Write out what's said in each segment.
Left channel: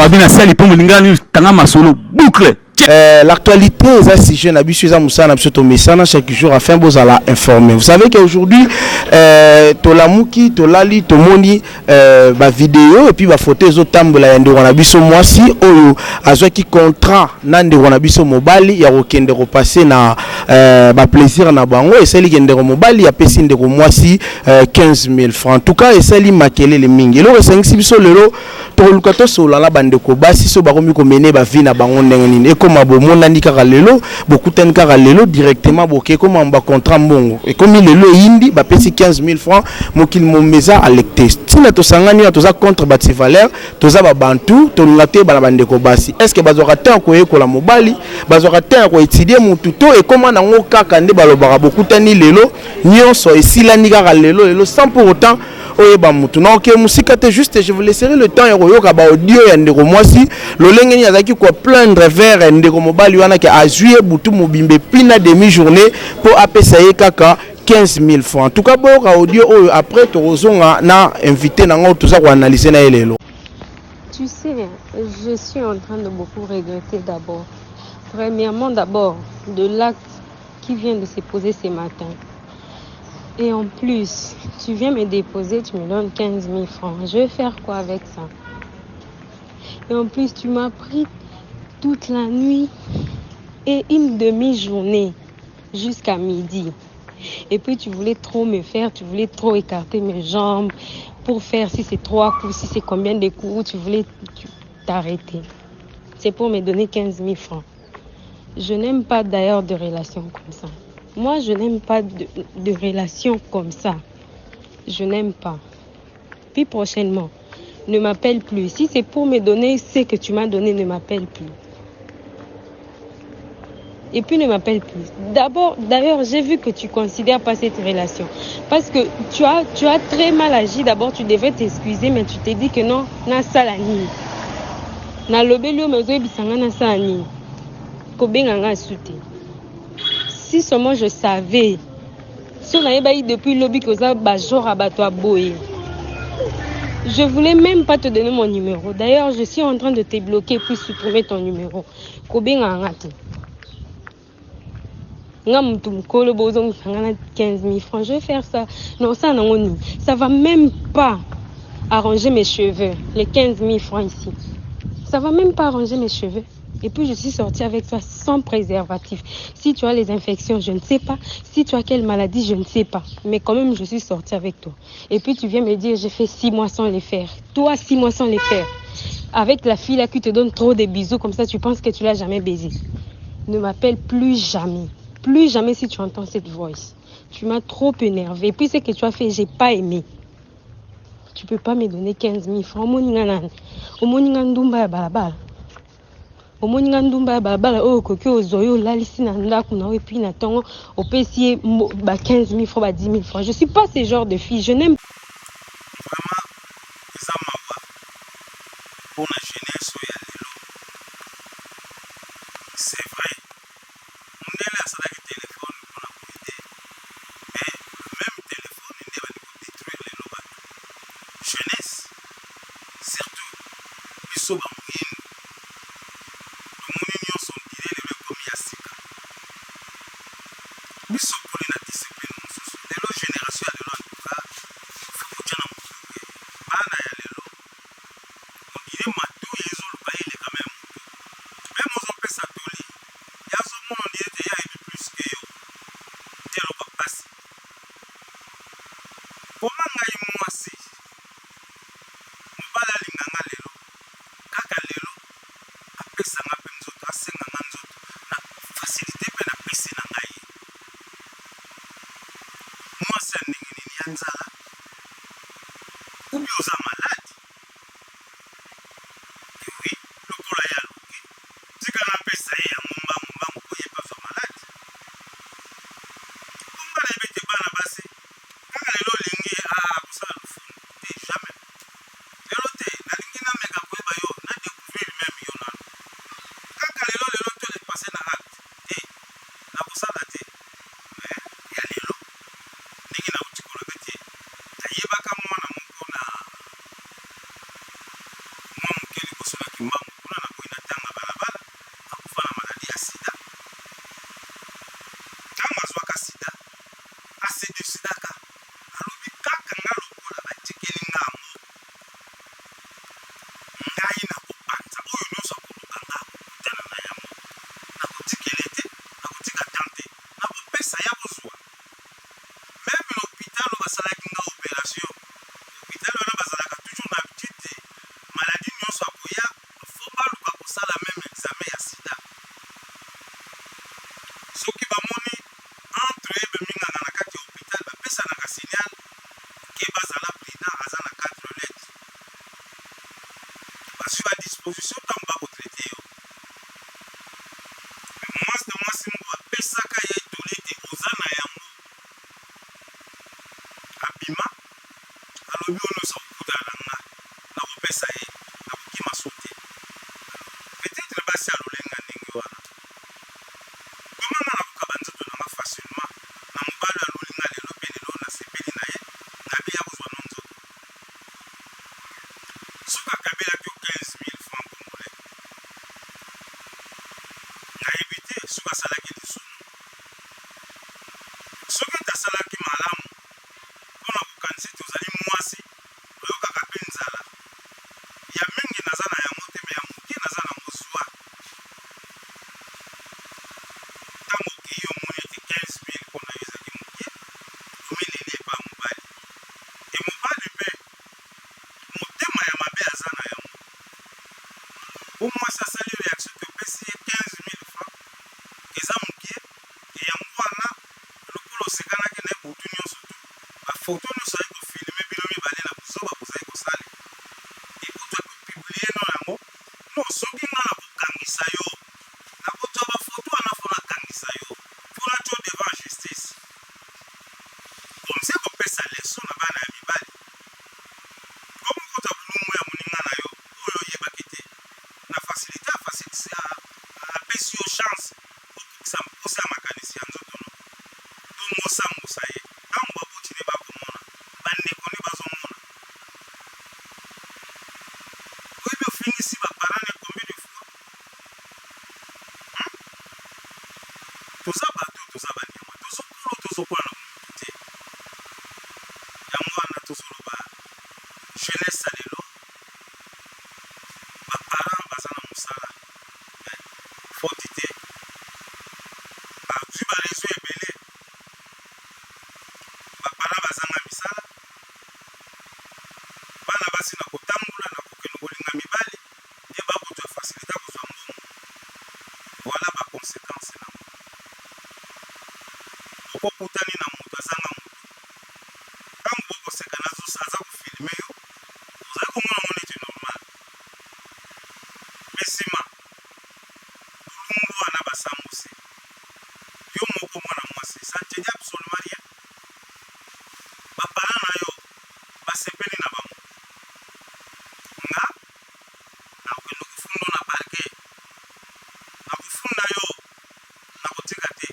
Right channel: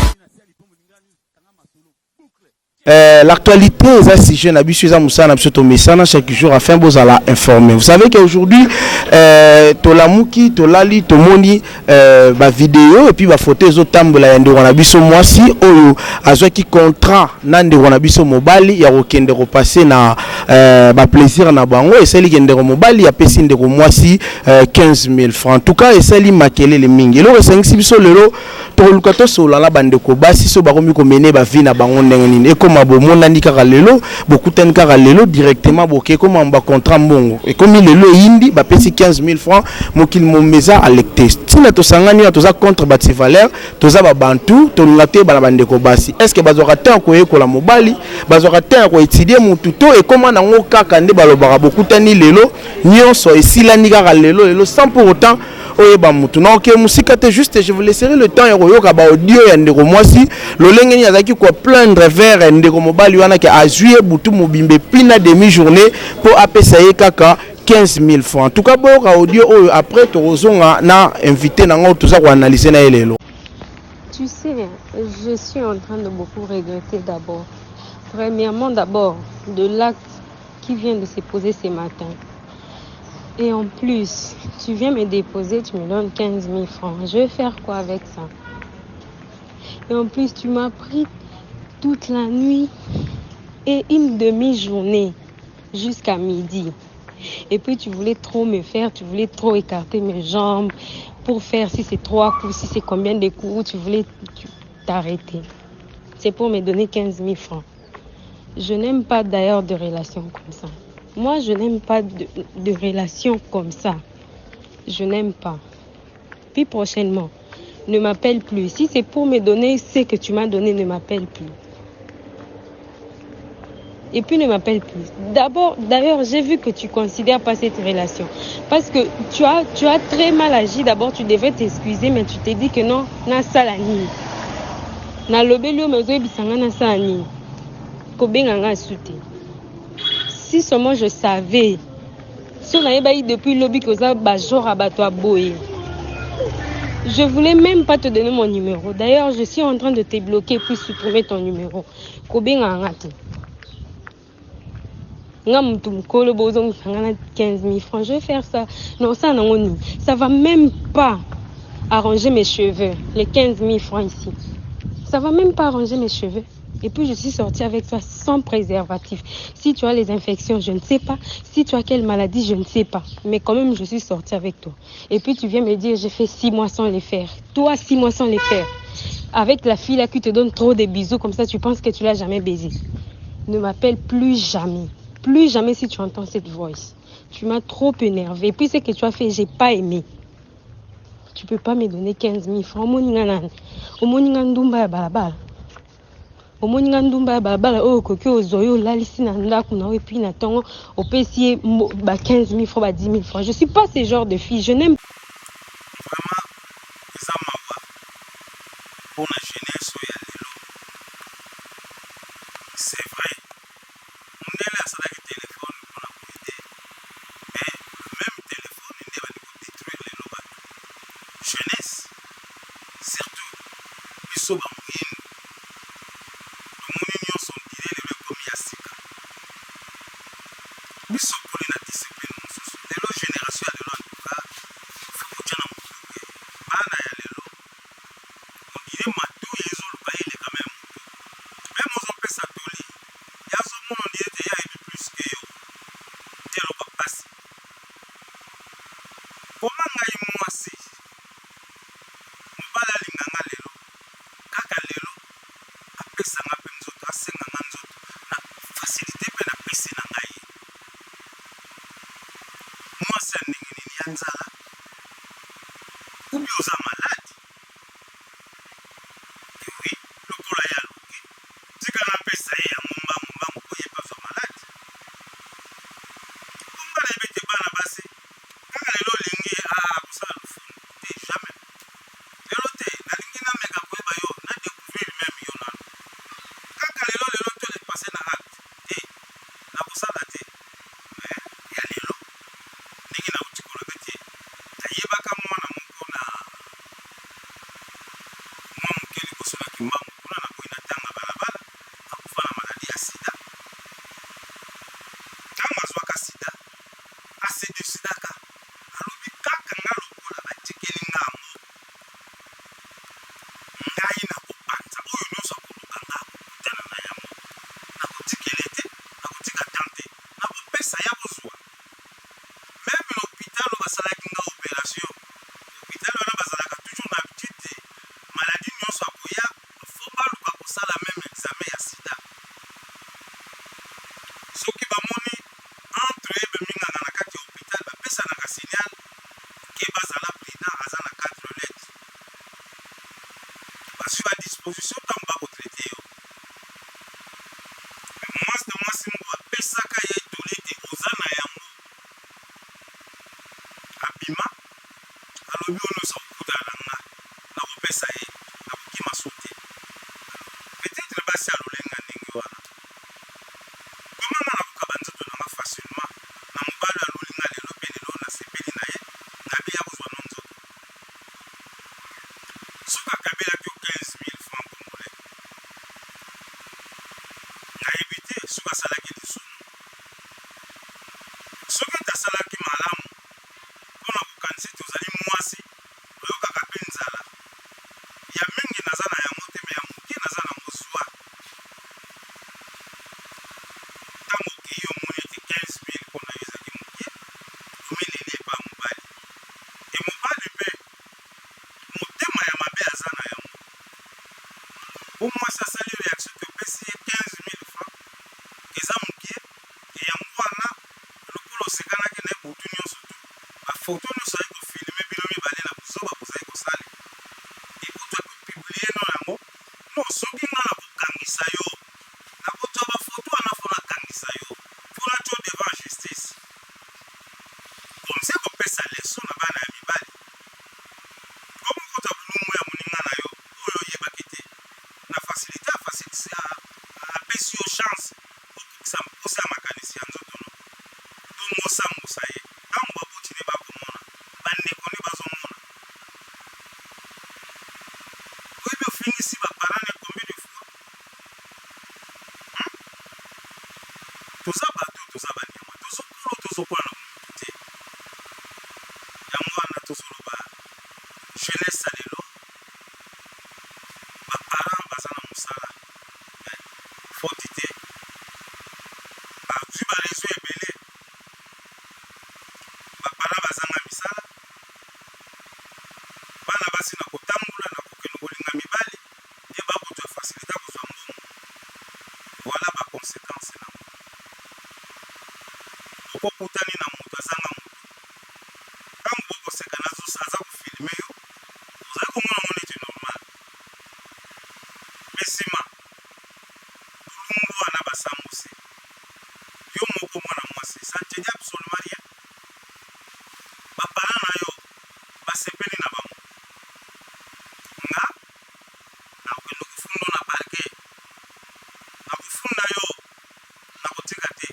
Fabien Assali pour Molingani tanga masolo boucle. L'actualité est si jeune habitué à Moussa chaque jour afin de vous informer. Vous savez qu'aujourd'hui Tolamouki, Tolali, Tomoni vidéo et puis photo les autres tambola yande wanabiso mwasi oyo azwa ki contrat nande wanabiso mobali ya kokende repasser na plaisir na bango et celle qui ndeko mobali ya pesi ndeko mwasi 15 000 francs. En tout cas et celle makele le mingi. Lo resengisi biso lelo to lukato sola la bandeko basi so bakomi ko mener ba vie na bango ndenge nini. Comme bomoni kaka lelo bokutani kaka lelo directement boke comme ba contrat mbongo et comme lelo indi ba pesi 15 000 francs mokil momeza alecte tina to sangani to za contre bati valeur to za ba bantu to ngate bala bandeko basi est-ce que bazoka temps ko yekola mobali bazoka temps ko étudier mutu to et comment nango kaka nde balobaka bokutani lelo nyonso esilani kaka lelo sans pour autant oyeba mutu na ok musika te juste je vous laisserai le temps yoka ba audio ya ndeko mwasi lolengeni azaki ko plaindre vers ndeko mobali wana ke azuye butu mobimbe pina demi-journée pour apesa kaka 15 000 francs. En tout cas, bon, audio après Torozonga na invité nango tout ça pour analyser na elelo. Tu sais, je suis en train de beaucoup regretter d'abord. Premièrement d'abord de l'acte qui vient de se poser ce matin. Et en plus, tu viens me déposer, tu me donnes 15 000 francs. Je vais faire quoi avec ça? Et en plus, tu m'as pris toute la nuit et une demi-journée jusqu'à midi. Et puis tu voulais trop me faire, tu voulais trop écarter mes jambes pour faire si c'est 3 coups, si c'est combien de coups, tu voulais t'arrêter. C'est pour me donner 15 000 francs. Je n'aime pas d'ailleurs de relations comme ça. Moi, je n'aime pas de relations comme ça. Je n'aime pas. Puis prochainement, ne m'appelle plus. Si c'est pour me donner ce que tu m'as donné, ne m'appelle plus. Et puis ne m'appelle plus. D'abord, d'ailleurs, j'ai vu que tu ne considères pas cette relation. Parce que tu as très mal agi. D'abord, tu devais t'excuser, mais tu t'es dit que non, na salani. Na lobelio mezo ebisanga na salani. Kobenganga souté. Si seulement je savais, si on avait baillé depuis lobby que ça bajor abato aboye. Je voulais même pas te donner mon numéro. D'ailleurs, je suis en train de te bloquer puis supprimer ton numéro. Kobenganga te. 15 000 francs, je vais faire ça. Non, ça non, ça va même pas arranger mes cheveux. Les 15 000 francs ici. Ça va même pas arranger mes cheveux. Et puis je suis sortie avec toi sans préservatif. Si tu as les infections, je ne sais pas. Si tu as quelle maladie, je ne sais pas. Mais quand même, je suis sortie avec toi. Et puis tu viens me dire, j'ai fait 6 mois sans les faire. Toi, 6 mois sans les faire. Avec la fille là qui te donne trop de bisous, comme ça tu penses que tu l'as jamais baisé. Ne m'appelle plus jamais. Plus jamais si tu entends cette voix. Tu m'as trop énervé. Et puis ce que tu as fait, j'ai pas aimé. Tu peux pas me donner 15 000 francs. Oh, kokyo zoyo lalisi na ndaku na et puis na tongo au PC 15 000 francs, 10 000 francs. Je suis pas ce genre de fille. Je n'aime pour la jeunesse c'est vrai. On est là sur le téléphone pour la aider. Mais le même téléphone, il va détruire les lobes. Jeunesse, surtout, ils sont en ligne. Le monde sont tirés les comme Yassika. Ils sont pour la discipline. Les autres générations, elles ont tout ça. Il faut que tu aies un peu. Bana ya lelo. On dirait matou, ils ont le pays quand même. Même aux hommes, ça toli. Il y a ce monde, on dirait qu'il y a plus que yo. Il y a le passe. Comment ngaï moi si? Mbala linganga lelo. Kaka lelo. sur la disposition tant pas traité yo. Moi c'est moi pesaka ye tolete ozana yango. Abima alobi ono sa kuta nanga na kopesa ye na kokima sote. Peut-être basi alolenga ndenge wana. Comment na kokabanza to nanga facilement na mobalo alolinga lelo pe lelo na sepeli na ye na biya kozwa nonzo. Soka kabela ki 15,000 francs congolais. Na évité soka salaki lisunu. Soki tasalaki malamu mpona kokanisi tozali mwasi oyokaka mpe nzala ya mingi naza na yango te me ya moke naza na mozwa ntango okei omoni ete 15,000 mpona yo ezalaki moke omeleli epa mobali e mobali mpe motema ya mabe aza na yango po mwasi asali reaction te opesi ye 15,000 francs eza moke e yango wana lokolo osekanaki na ye butu nyonso tu bafoto nyonso ali kofilme bino mibale na buzoba bozali kosala ekutu akopiblie no yango no soki nga na kokangisa yo nakozwa bafoto wana fo nakangisa yo mpona tio devant justice komse kopesa leso na bana ya mibali komo kota bulungu ya moninga na yo oyo oyebaki te na facilité apesi yo chance okokisa mposa ya makanisi ya nzoto no tomosambusa ye ntango baboti nde bakomona bandeko nde bazomona oyebi ofingisi baparent ne combien de fois toza bato toza banyama tozokolo tozokola na motu te yango wana tozoloba jeunesse ya lelo baparent baza na mosala foti te bazwi barezo ebele baparent bazanga misala bana basi na kotambola na kokende kolinga mibali nde bakozwa facilité kozwa mbongo voilà baconséquence nango okokutani na moto azanga moto ntango bokoseka aza kofilme yo ozali komona ngo neti normal me nsima bulungu wana basambuse yo moko mwana mwasi ça ne te dit absolument rien baparent na yo basepeli na bango nga nakokende kofunda na parke nakofunda yo nakotika te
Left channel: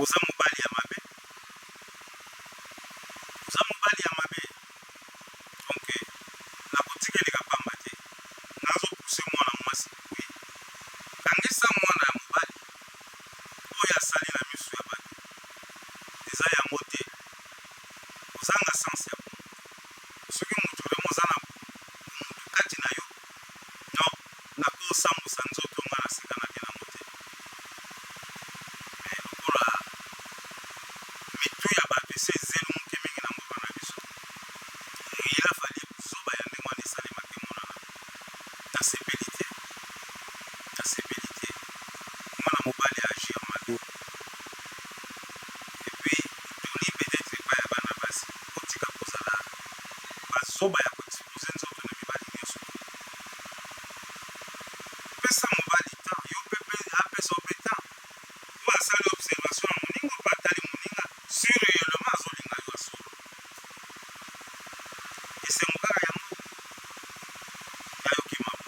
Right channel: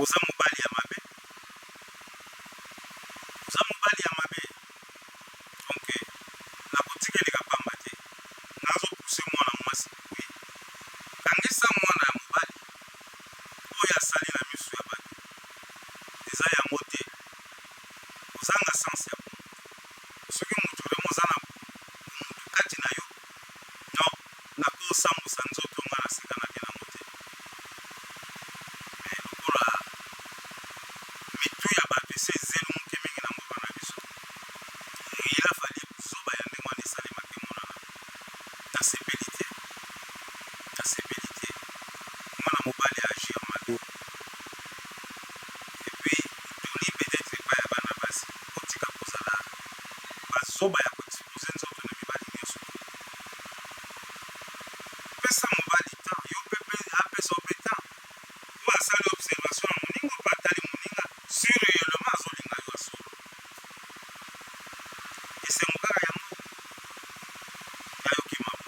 oza mobali ya mabe donc nakotikeleka pamba te nazopuse mwana mwasi kuye kangisa mwana ya mobali oyo asali na miso ya bato eza yango te ozanga sanse ya bomoto soki moto remo oza na bomoto kati na yo no nakosambusa nzoto nga nasekanaki nango te me lokola mitu ya bato ese ezeli moke mingi na mboka na biso il a fallu zoba ya ndenge wana esalemaki monana nasepeli te mwana mobali agir mabe epuis toli peut-être epai ya bana basi otika kozala bazoba ya koexpose nzoto na mibali nyonso pesa mobali temps yo mpe apesa ope temps po asali observation ya moninga mpe atali moninga sur réellement azolinga yo asolo esengo kaka yango yayoki mabo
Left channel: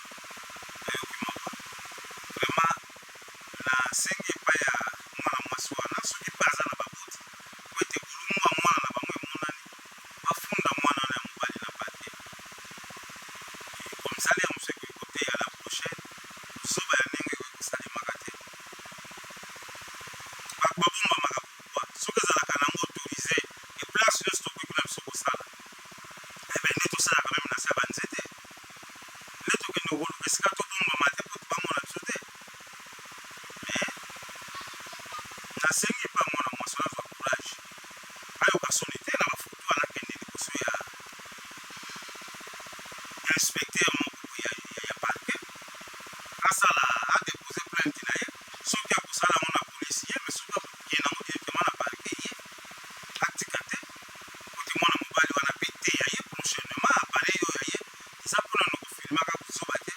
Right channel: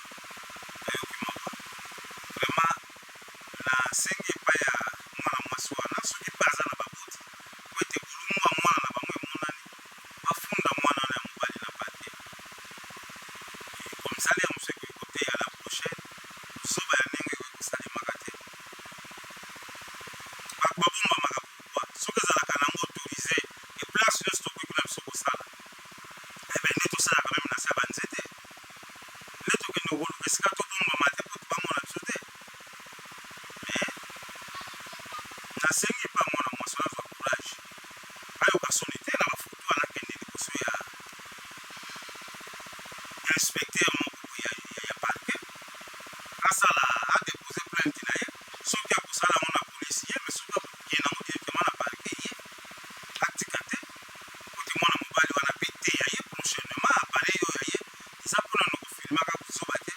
ndimaka kuzoba te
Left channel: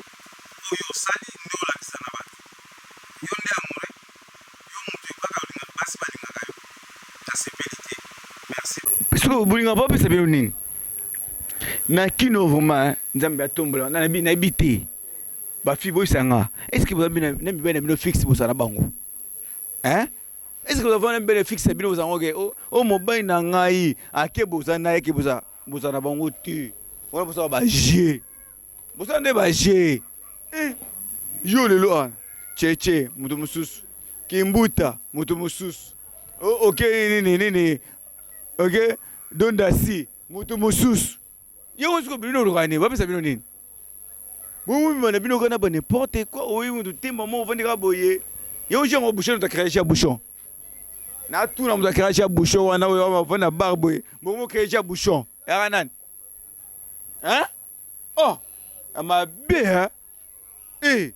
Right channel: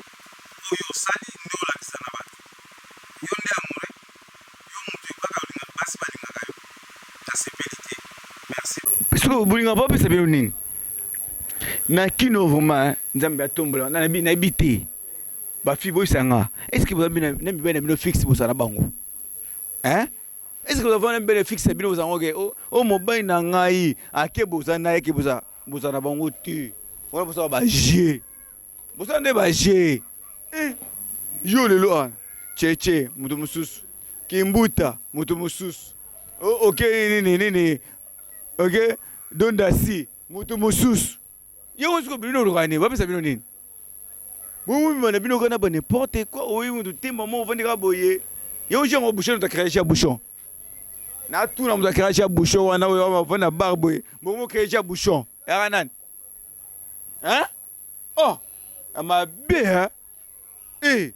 oyo osali nde olakisa na bato yo nde amore yo moto kaka olinga basi balingaka yo nasepeli te merci so bolinga pa opesa bino nini na kino vraimen nzambe atombola nayebi te bafille boyisanga est ce que boza na mibali na bino fixe bozala na bango hein est ce que boza na mibali fixe bino bozango oke o mobali na ngai ake boza na ye ke boza na bango te wana bozala baje bozala nde baje yo lelo wana cheche moto mosusu kimbuta moto mosusu oke nini ok dondasi moto mosusu yo oziko bino olokani bapesa bino nini bomobima na bino kana ba n'importe quoi oyi moto temba mo ovandi kaka boye yo jango bouchon moto akréage ya bouchon na tuna moto akréage ya bouchon wana oyo ovandi na bar boye bomo créage ya bouchon yaka nani hein oh amabe hein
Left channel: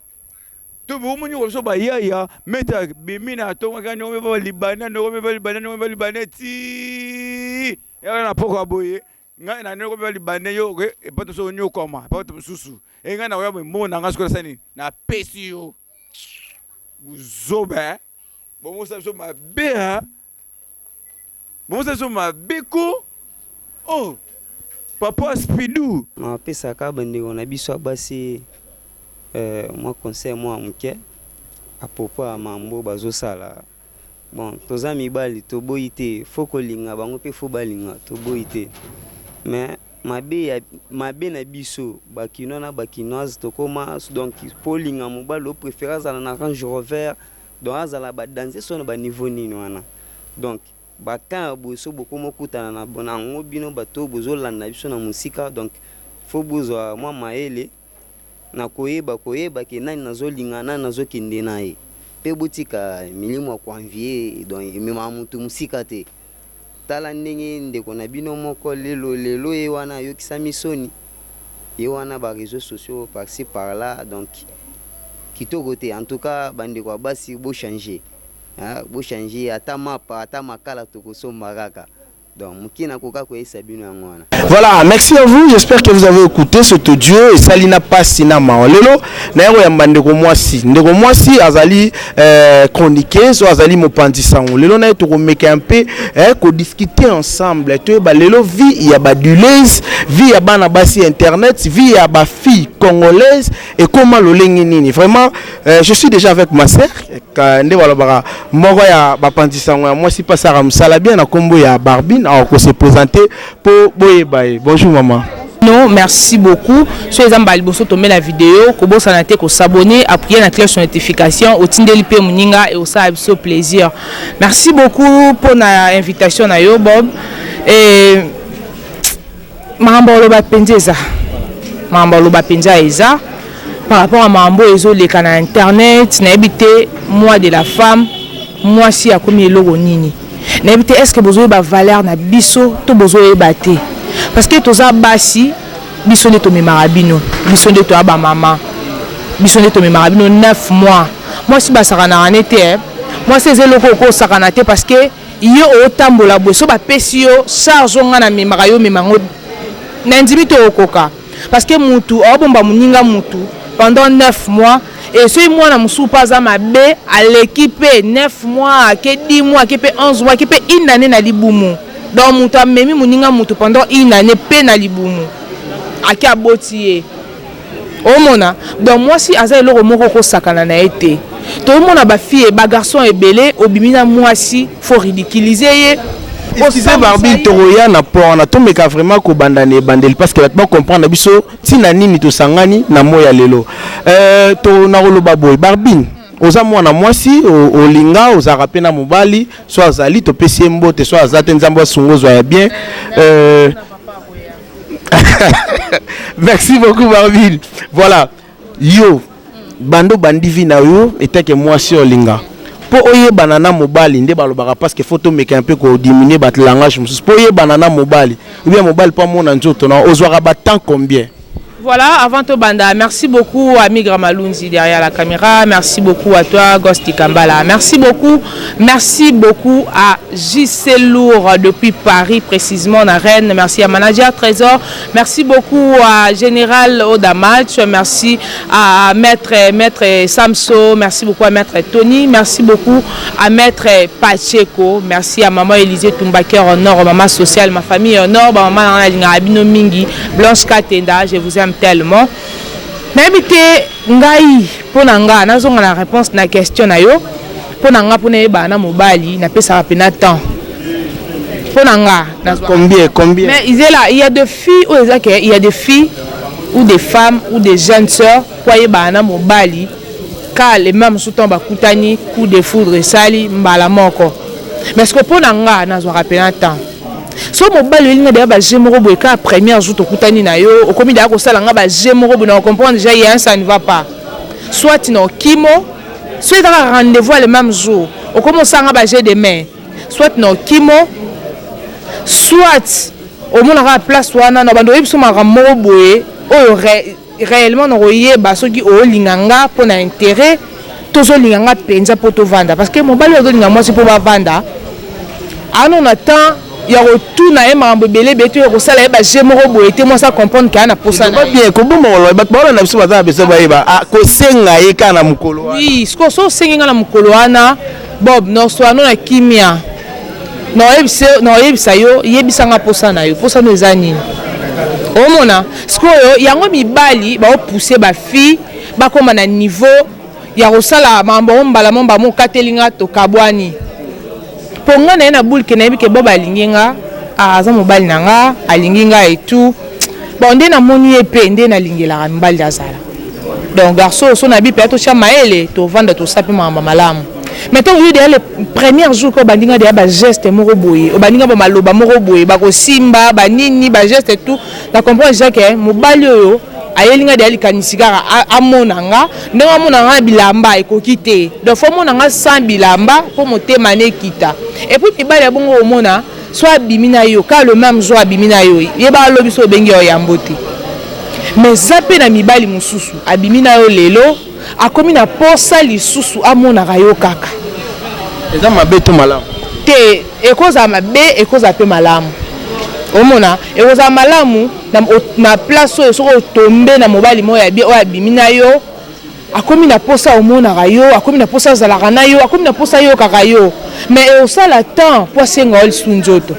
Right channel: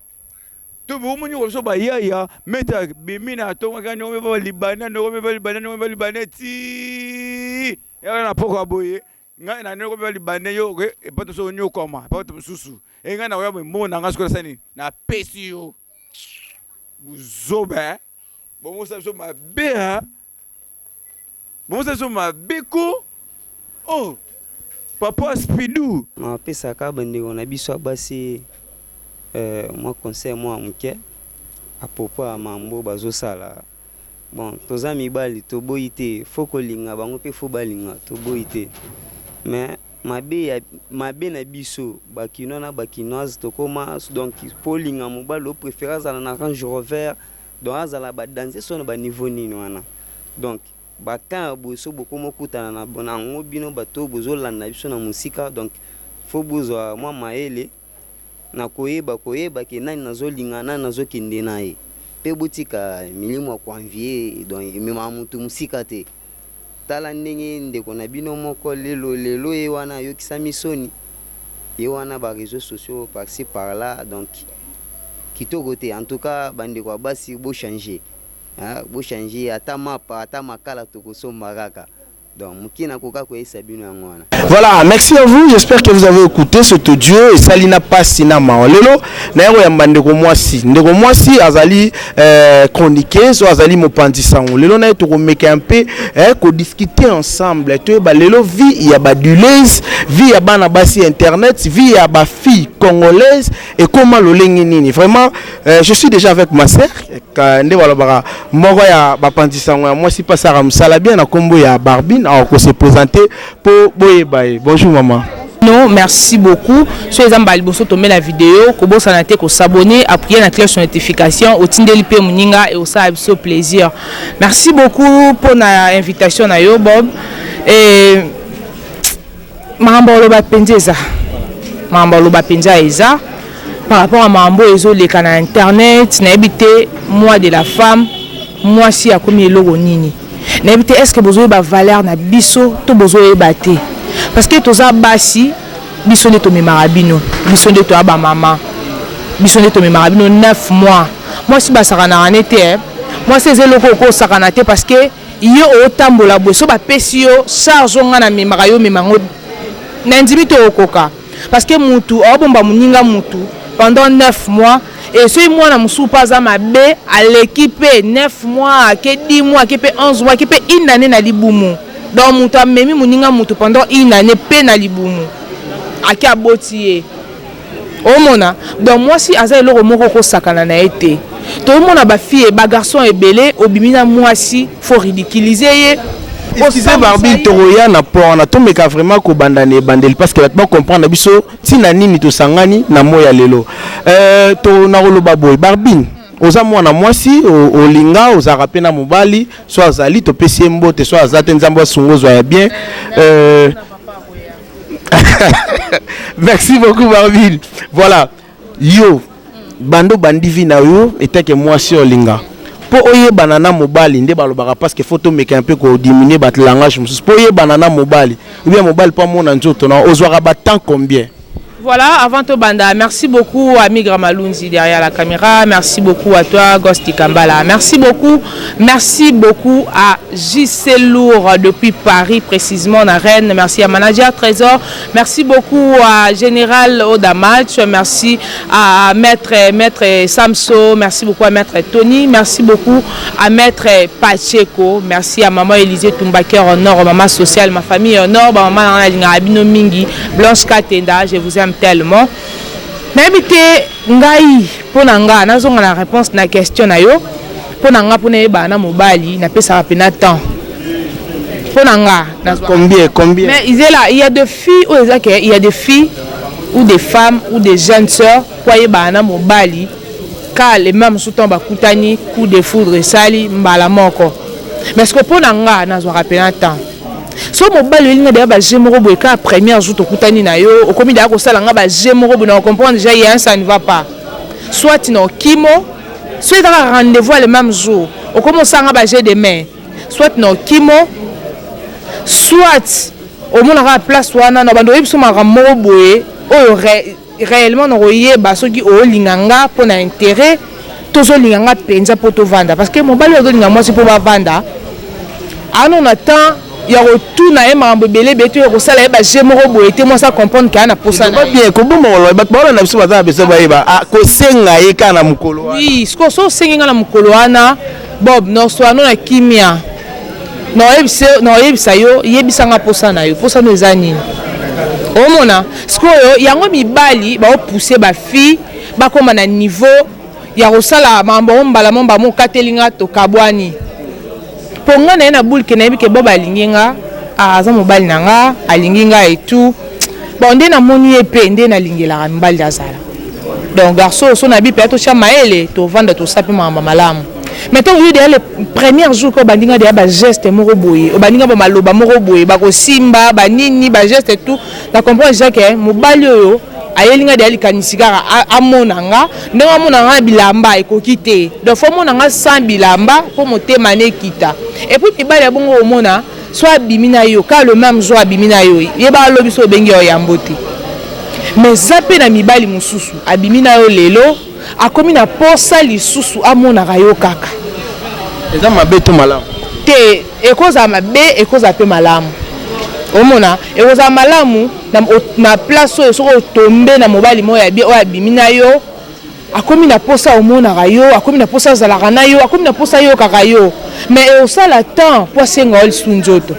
to bomoni koloso bayaya meta bimi na tongaka nyongo ba libana nyongo ba libana ti yaka na poko boye ngai na noko ba libana yo ke epato so nyokoma epato mususu enga na oya mona nga sikola sani na pesi yo buzoba bomo sa so mabe ha bomo sa so mabe ko oh papa Spidou ma pesa ka bandeko na biso basi moi conseil moi muke à propos à mambo bazosala bon toza mibali to boyite faut kolinga bango pe faut balinga to boyite mais mabe na biso bakino na bakinoise to koma donc polinga mobali o préférence à na Range Rover donc azala ba danser so na ba niveau nini wana donc baka boso boko mokutana na bonango bino bato bozolanda biso na musika donc faut bozwa moi maele na koyeba ke nani nazolinga nani nazokende naye pe botika milimo kwa envier donc mema mutu musika te tala ndenge ndeko na bino moko lelo ye wana yokisa misoni ye wana ba réseaux sociaux par-ci par-là donc kitoko te en tout cas bandeko basi bo changer ata mapa ata makala tokosomba kaka. Voilà, merci à vous. J'espère que vous avez écouté cet audio. Et Salina Passina Maolelo. Naero Yambandeko Mwasi. Ndeko Mwasi azali chroniquer, so azali mopandisango. Lelo na to meke un peu ko discuter ensemble. To ba lelo vie ya ba dulaise, vie ya bana basi internet, vie ya ba fille congolaise et comment lo lengi nini. Vraiment, je suis déjà avec ma sœur. Nde wala bara moko ya ba pandisango ya Mwasi pasara msala bien na kombo ya Barbine. Alors qu'on s'est présenté pour Boyebaye. Bonjour maman. Non, merci beaucoup. Sur les emballés, vous tomber la vidéo, que vous s'abonner, que s'abonner, appuyer la cloche de notification, au Tindelipe Muninga et au Saabso plaisir. Merci beaucoup pour l'invitation à yo Bob et Mambo Loba Pendeza. Mambo Loba Pendeza par rapport à Mambo Ezo les canaux internet, n'habité moi de la femme, moi si a commis logo nini. N'habite est-ce que vous avez une valeur na biso to besoin baté parce que toza basi biso ne to me marabino biso ne to aba maman biso ne to me marabino 9 mois moi si basaka na anete moi c'est loko ko sakana te parce que yo otambola boso ba pesi yo charge nga na me marayo me mango na ndimi to okoka parce que mutu obomba muninga mutu pendant 9 mois. Et ce mois, je suis pas à ma B à l'équipe 9 mois, 10 mois, 11 mois, une année na libumu. Donc, je suis même pendant une année peine na libumu. À qui a botié. Oh mona. Donc, moi, si Aza le remoko sakana na été. Tout le monde a ba fille et ba garçon est belé. Obimina moi si faut ridiculiser. Excusez Barbine Toroya na pour na tomeka vraiment ko bandane bandel parce que va comprendre biso tina nini to sangani na moya lelo to na roloba boy Barbine oza mwana mwasi olinga oza rapena mobali so azali to pesi mbote so azate nzambo sungozo ya bien merci beaucoup Barbine. Voilà yo bando bandivi na yo était que mwasi olinga pour oye banana mobali nde balobaka parce que photo meka un peu ko diminuer bat langage pour oye banana mobali ou bien mobali pas mon nzoto na ozwaka ba temps combien Voilà, avant tout banda, merci beaucoup à Migra Malunzi derrière la caméra, merci beaucoup à toi Gosti Kambala, merci beaucoup à JC Lourd depuis Paris, précisément à Rennes, merci à Manager Trésor, merci beaucoup à Général Odamatch, merci à Maître Samso, merci beaucoup à Maître Tony, merci beaucoup à Maître Pacheco, merci à Maman Élisée Tumbaker au nord, Maman Sociale, ma famille au nord, Maman Abino Mingi, Blanche Katenda, je vous aime tellement. N'habitez ngai pour nanga nazonga la réponse na question na yo pour nanga pour ne ba na mobali na pesa rapena temps pour nanga combien mais il y a des filles ou il y a des filles ou des femmes ou des jeunes sœurs pour y ba na mobali car les mêmes sous tomba kutani coup de foudre sali mbala moko mais ce que pour nanga nazo rapena temps so mobali linga de ba jemoro boy ka première jour to kutani na yo okomi da ko sala nga ba jemoro bo na comprendre déjà il y a un ça ne va pas soit no kimo soit un rendez-vous le même jour okomo sanga ba jeu demain soit no kimo soit au monde la place wana na bando yebso mara moro boy o réellement no yeba soki o linganga pour na intérêt tozo linganga penza pour to vendre parce que mobali o linga moi c'est pour ba vendre on attend il y a retour na emambo belé beto ko sala ba jemoro boyete moi ça comprendre ka na posa na bien ko bomo lo ba ba na biso ba beso ba eba ko senga ye kana mukolo wana oui sko so senga na mukolo wana bob no so no na kimia no yebisa yo yebisa nga posa na yo posa no ezani omona sko yo yango mibali ba pousser ba fille ba koma na niveau ya ko sala mambo mbala momba mo katelinga to kabwani ponga na na boule ke na bike boba linginga aza mobali nanga alinginga et tout bon ndé na moni epé ndé na lingela mbali azala donc garçon so na bi peut-être chama ele to vendre to sapi mama malamu mettons eu le premier jour ko bandinga de ba geste moko boye o bandinga ba maloba moko boye ba ko simba ba nini ba geste tout na comprendre déjà que mobali oyo ayelinga de alikanisika amonanga ndenge amonanga bilamba ekokite donc faut monanga sans bilamba pour motema ne kita et puis mibali ya bongo omona soit bimina yo ka le même jour bimina yo yeba lobi so bengi o yambote mais zape na mibali mususu abimina yo lelo akomi na posa lisusu amonaka yo kaka eza mabe to malamu te ekoza mabe ekoza pe malamu omona ekoza malamu na place oyo soko tombe na mobali moya bi oya bimina yo akomi na posa omonaka yo akomi na posa azalaka na yo akomi na posa yo kaka yo mais osala temps po asenga yo lisu nzoto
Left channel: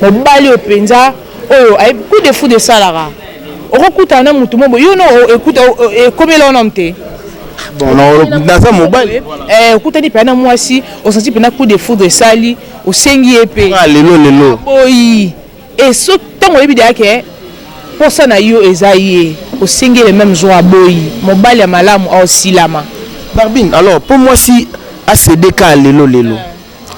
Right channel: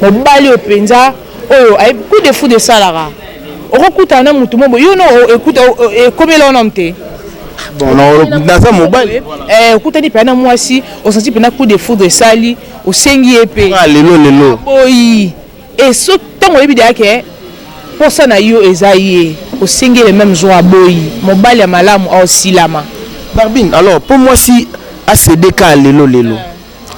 mobali oyo mpenza oyo coup de fou de salaka okokutana na mutu mobo yo no ekuta ekomi elona te bon naza mobali okutani mpe na mwasi osanti mpe na coup de fou de sali osengi ye mpe lelo boyi et so ntango oyebi deyake posa na yo eza ye osengi le même jour aboyi mobali ya malamu aosilama Barbine alors pour moi si acd ka lelo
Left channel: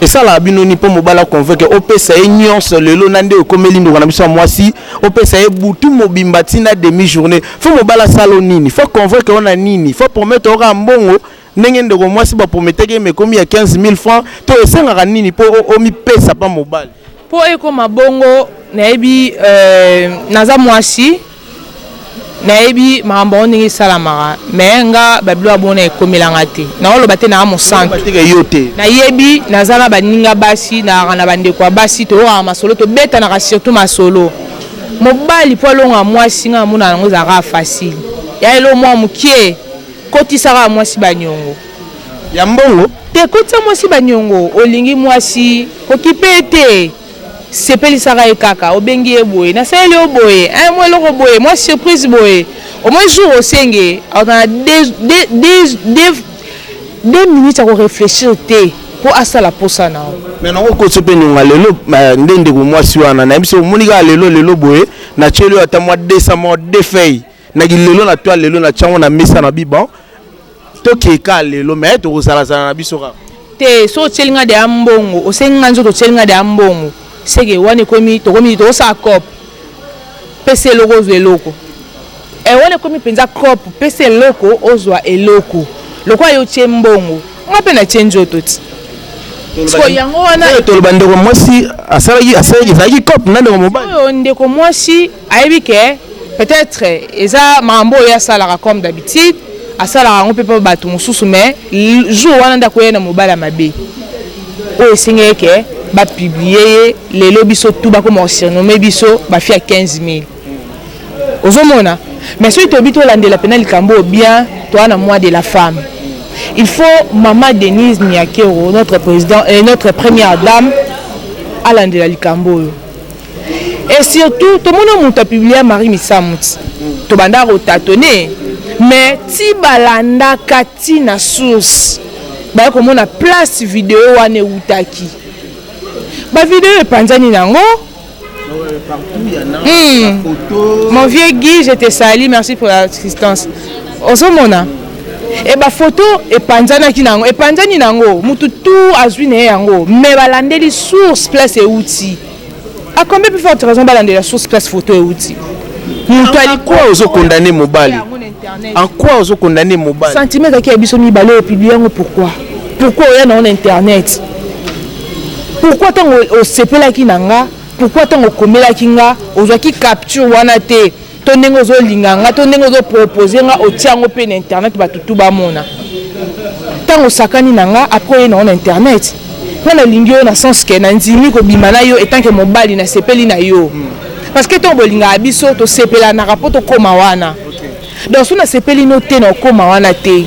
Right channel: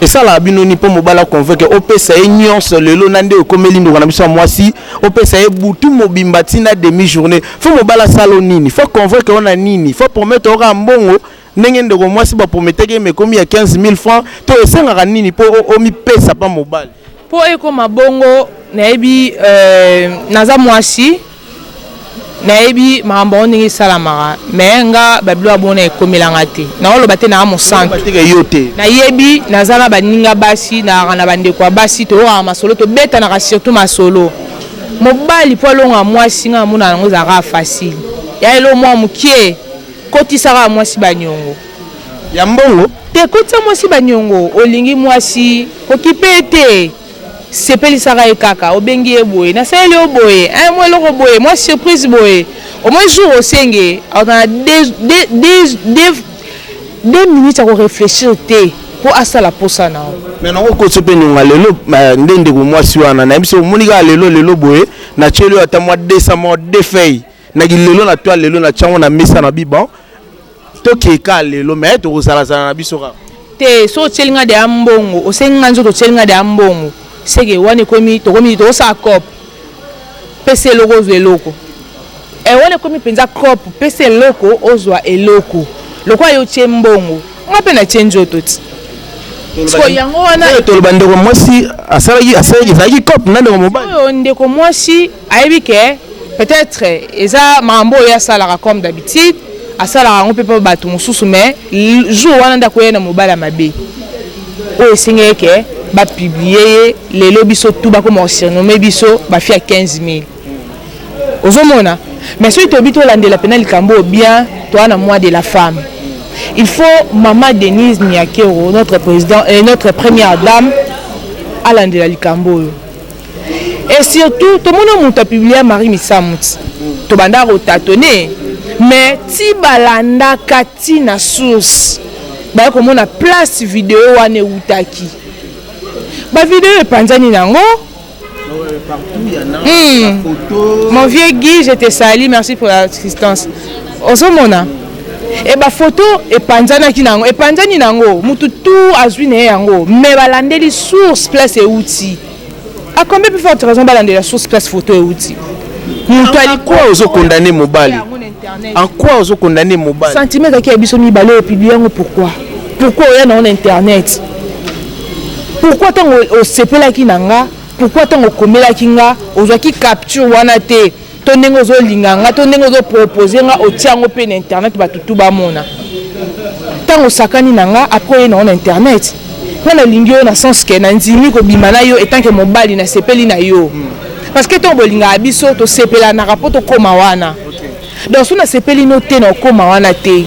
esala bino ni po mobala convaincre opesa e nyonso lelo nande okomeli ndo na biso mwasi opesa e butu mobimba tina demi journée faut mobala salo nini faut convaincre on a nini faut promettre ora mbongo ndenge ndeko mwasi ba promettre ke me komi ya 15000 francs to esenga nini po omi pesa pa mobali po ekoma bongo nayebi naza mwasi nayebi makambo ndenge esalamaka me nga babilo abona ekomelanga te naoloba te na mosantu nayebi naza na baninga basi na bandeko ya basi toyokaka masolo tobetanaka surtout masolo mobali po alonga mwasi nga amona yango ezalaka facile ya elo mwa mokie kotisaka mwasi baniongo ya mbongo te kotisa mwasi baniongo olingi mwasi kokipe te sepelisaka ye kaka obengi ye boye nasaleli yo boye mwa eloko boye mwa surprise boye au moins jour osenge aotana 2 minutes ya korefléchir te po asala posa na o mais nango koso mpe nionga lelo nde ndeko mwasi wana nayebi so omoni kaka lelo boye natyeli oyo ata mwa 200 mwa 2 feuille naki lelo na toa lelo na tiango na mesa na biban tokeka lelo mais tokosalazala na biso kaka te so otyelinga de ya mbongo osenginga nzoto otyelinga de ya mbongo seke wana ekomi tokomi tokosala cope pesa eloko ozwa eloko wana ekomi mpenza cope pesa eloko ozwa eloko lokola yo tie mbongo nga mpe na tie nzoto ti so yango wana toloba ndeko mwasi asalaki cope na ndeko mobali oyo ndeko mwasi ayebi ke peut-être eza mambo ya sala comme d'habitude à sala on peut pas battre mon sous mais jour wana ndako na mobala mabe o esengé que ba publier les lobiso tout ba comme surnommer biso ba fi à 15 000 ozomona mais si tu bito landela penal kambo bien toi na moi de la femme il faut maman Denise Niakero notre président et notre première dame à landela likambo et surtout tout le monde a publié Marie Missamut to banda rotatonner mais ti balanda kati na source ba ko mona place vidéo wane utaki ba vidéo epanzani nango. Mon vieux Guy, je te salue, merci pour l'assistance. Ozomona. Et ba photo et panzana ki nango, et panzani nango, mutu tout azwi ne yango, mais balande li source place et outil. À combien plus forte raison balande la source place photo et outil? Mutu ali quoi ozo condamner mobali? En quoi ozo condamner mobali? Sentiment ki abiso mi balé publier ngo pourquoi? Pourquoi il y a internet? Pourquoi tant au sepela ki nanga? Pourquoi tant au komela kinga ozaki capture wana te to ndenge zo linganga to ndenge zo proposer nga o tiango pe na internet batutu ba mona tant au sakani nanga après na internet na lingi yo na sens que na ndimi ko bimana yo etant que mobali na sepeli na yo parce que to bolinga abiso to sepela na rapport to koma wana donc so na sepeli no te na koma wana te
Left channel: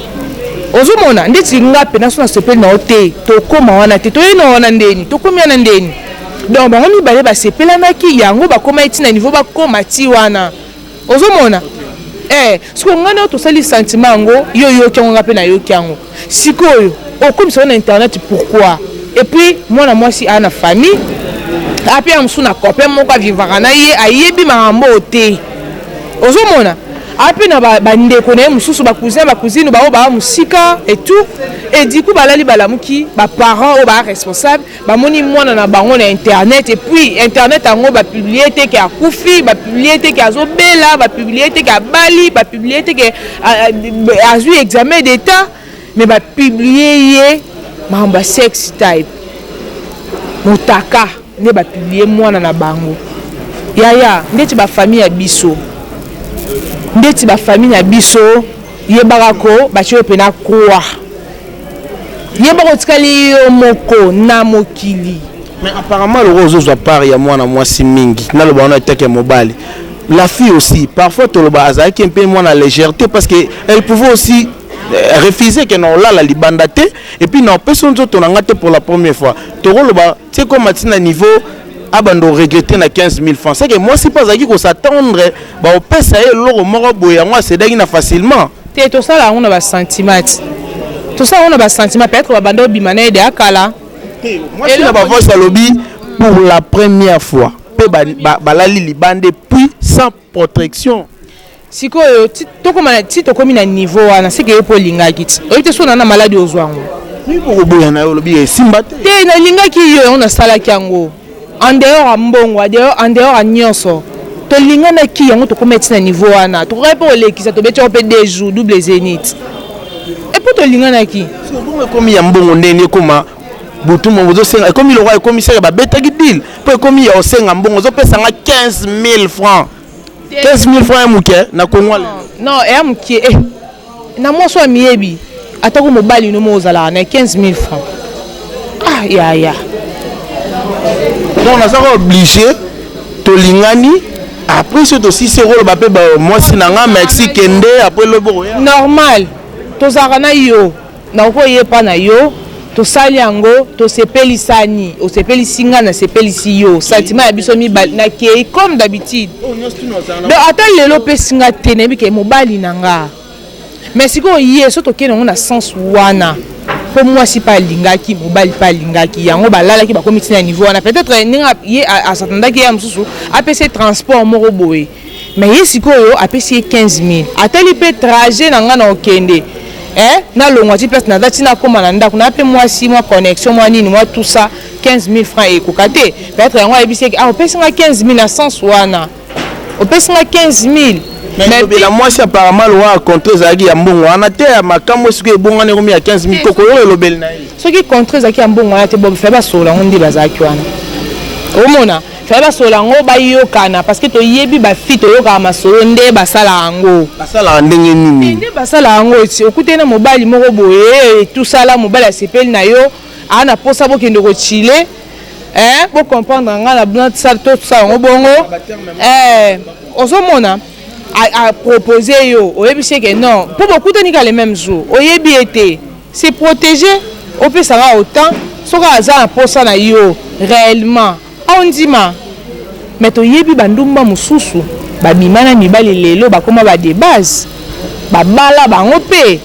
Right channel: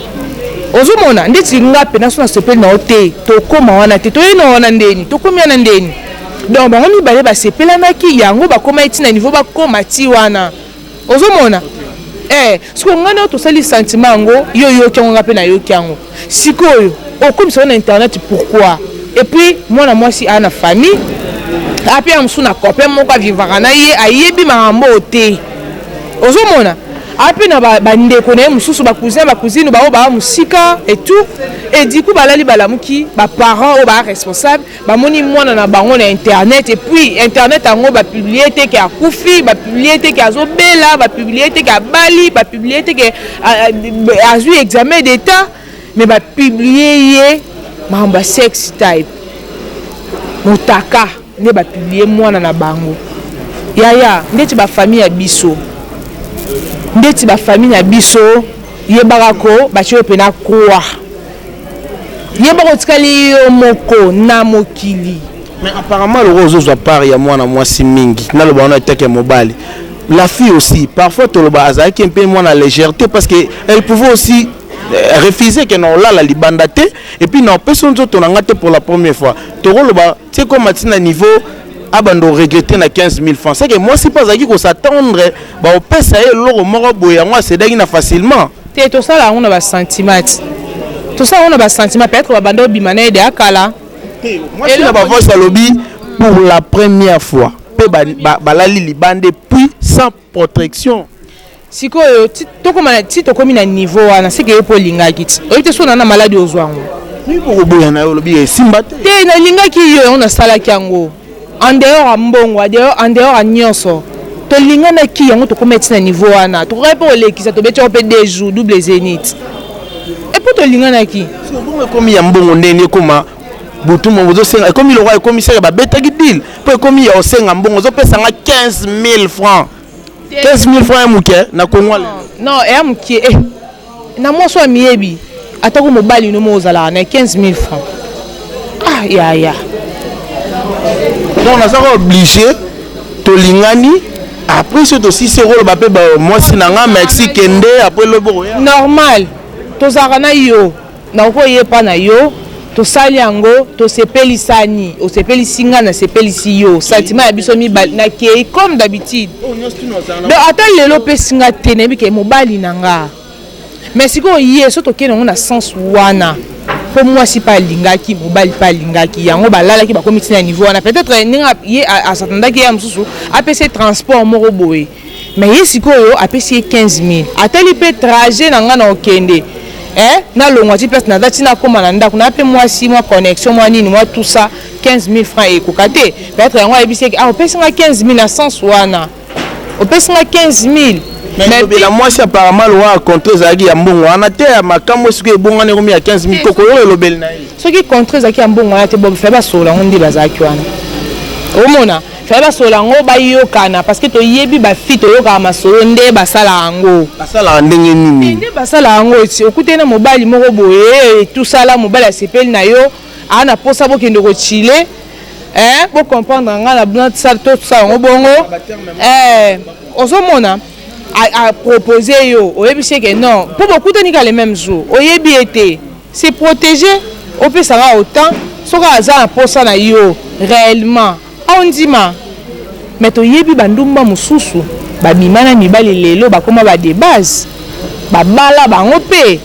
ozomona ndeti nga pe na so na sepeli na te to koma wana te to ina wana ndeni to komia na ndeni. Donc bango mibale ba sepelanaki yango ba koma eti na niveau ba koma ti wana ozomona siko ngana to sali sentiment ngo yo kyango ngape na yo kyango sikoyo okomisa na internet pourquoi et puis moi si ana famille après amsu na copain moko vivara na ye ayebi mambo te ozomona après na ba ndeko na mususu ba cousine ba musika et tout et du coup balali balamuki ba parents ou ba responsable ba moni mwana na bango na internet et puis internet ango ba publier te ki akufi ba publier te ki azobela ba publier te ki abali ba publier te ki azui examen d'état mais ba publier ye mamba sex type mutaka ne ba publier mwana na bango yaya ndeti ba famille ya biso ndeti ba famille na biso yebaka ko bacho pena croix yebaka tikali yo moko na mokili mais apparemment le rose à part ya mwana mwasi mingi na le bana teke mobali la fille aussi parfois to le baza qui un peu moins la légèreté parce que elle pouvait aussi refuser que non là la libandate et puis non personne d'autre on a ngate pour la première fois to le ba c'est comme matina niveau abando regretter na 15 000 francs c'est que moi si pas aki ko s'attendre ba o pesa e loro moko boya moi c'est dingue na facilement te to ça là on a ba sentiment tout ça on a ba sentiment peut-être ba bando bimana de akala moi si na ba voix à lobby pour la première fois pe ba la libande puis sans protection sikoyo to komi na niveau wana c'est que po lingaki o te so na maladie ozwango ni ko boya na lobby simba te na lingaki yo on a sala kyango en dehors à mbongo en dehors à nyonso to lingana ki yango to komettre na niveau wana to repo lekisa to betia pe des jours double zénith et pour to lingana ki so bon comme ya mbongo ndeni koma butu mo zo senga comme le roi commissaire ba betaki deal pour comme ya osenga mbongo zo pesa nga 15 000 francs 15 000 francs muke na konwa non et muke na mo so miebi atako mobali no mo zala na 15 000 francs ah ya donc on a obligé to lingani après ce aussi c'est rôle ba pe moi sinanga Mexique kende après le bon normal to zakana yo na ko yepa na yo to sali yango to sepeli sani o sepeli singa na sepeli si yo sentiment ya biso mi na ke comme d'habitude donc attends lelo pe singa tenebi ke mobali nanga mais siko ye so to kene na sens wana pour moi si pas lingaki mobali pas lingaki yango balala ki ba komiti na niveau wana peut-être ninga ye a s'attendre ki ya msusu APC transport moko boye mais ye sikoyo APC 15 000 ateli pe trajet nanga na okende na longwa ti place na dati na koma na ndako na pe moi si moi connexion moi nini moi tout ça 15 000 francs et kokate peut-être yango ebisi ah opesi nga 15 000 na sens wana opesi nga 15 000 mais la moi c'est apparemment le roi contre zaki ya mbongo wana te makambo siko ebonga ne komi ya 15 000 koko yo lobel na ye ce qui contre zaki ya mbongo wana te bo fe ba sola ngondi bazaki wana omona fallait basolo yango bayokana parce que toyebi bafi toyoka masolo nde basala yango ndenge nini nde basala yango eti okute na mobali moko boye tout ça là mobali asepeli na yo ana posa bokende kochile pour comprendre nga na blanc ça tout ça yango bongo ozomona a proposé yo oyebi c'est que non pour beaucoup de les mêmes jours oyebi été c'est protéger au peut ça va autant soka aza posa na yo réellement on dit mais toyebi bandumba mususu babimana mibali lelo bakoma ba de base babala bango pe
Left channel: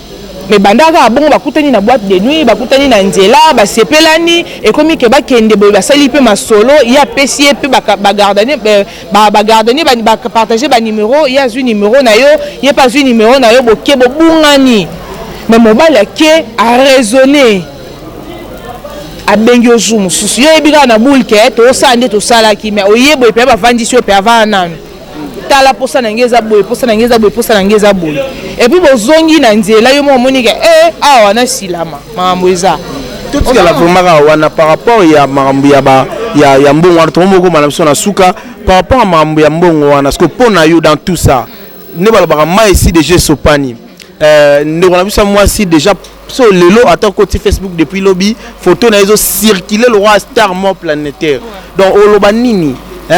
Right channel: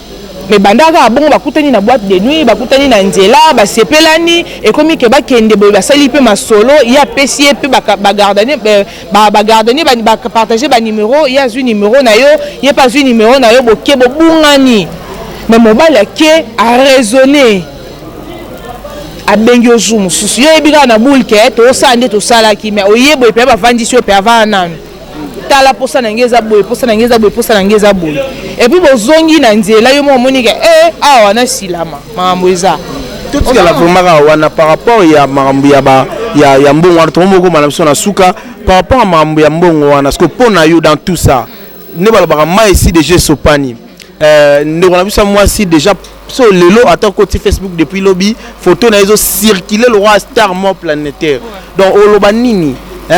mais bandaka bongo bakutani na boîte de nuit bakutani na nzela basepelani ekomi ke bakende boye basali pe masolo ya pesi pe bagardani bagardani partager ba numéro ya zu numéro na yo ya pas zu numéro na yo boke bobungani mais mobile ke a raisonner abengi ozu mususu yo ebika na bulke to sande to sala ki mais oyebo pe bavandisi yo pe avana tala posa na ngeza boye posa na ngeza boye posa na ngeza boye et puis bozongi na nzela yo mo moni ke awa na silama mambo eza tout ce que la vraiment wana par rapport ya mambo ya mbongo wana to moko mana biso na suka par rapport à mambo ya mbongo wana parce que pona yo dans tout ça ne balobaka mai ici déjà sopani ndeko na biso moi si déjà so lelo attends côté Facebook depuis lobby photo na ezo circuler le roi star mort planétaire donc oloba nini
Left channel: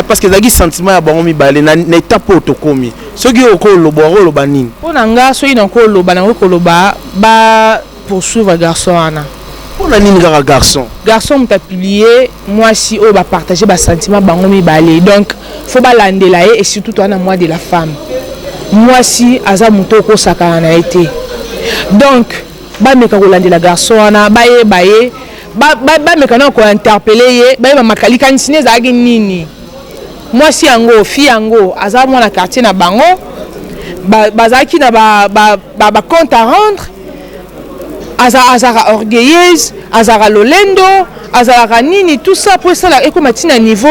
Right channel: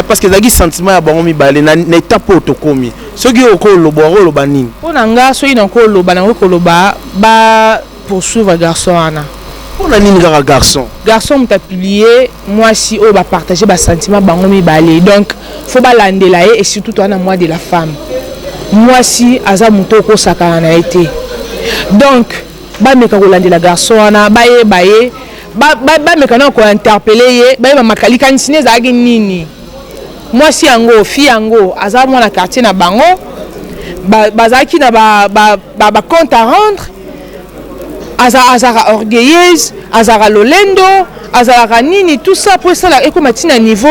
parce que zaki sentiment ya bango mibale na étape otokomi soki oloba nini pona nga so ina ko loba na ko loba ba poursuivre garçon ana pona nini kaka garçon m'a publié moi si o ba partager ba sentiment bango mibale donc faut ba landela et surtout toi na moi de la femme moi si aza muto ko sakana na été donc ba meka ko landela garçon ana ba meka na ko interpeller ye ba makalika nsine za nini moi si yango fi yango aza mwana quartier na bango bazaki na ba compte à rendre azara orgueilleuse azara lolendo azara nini tout ça pour ça là ekoma tina niveau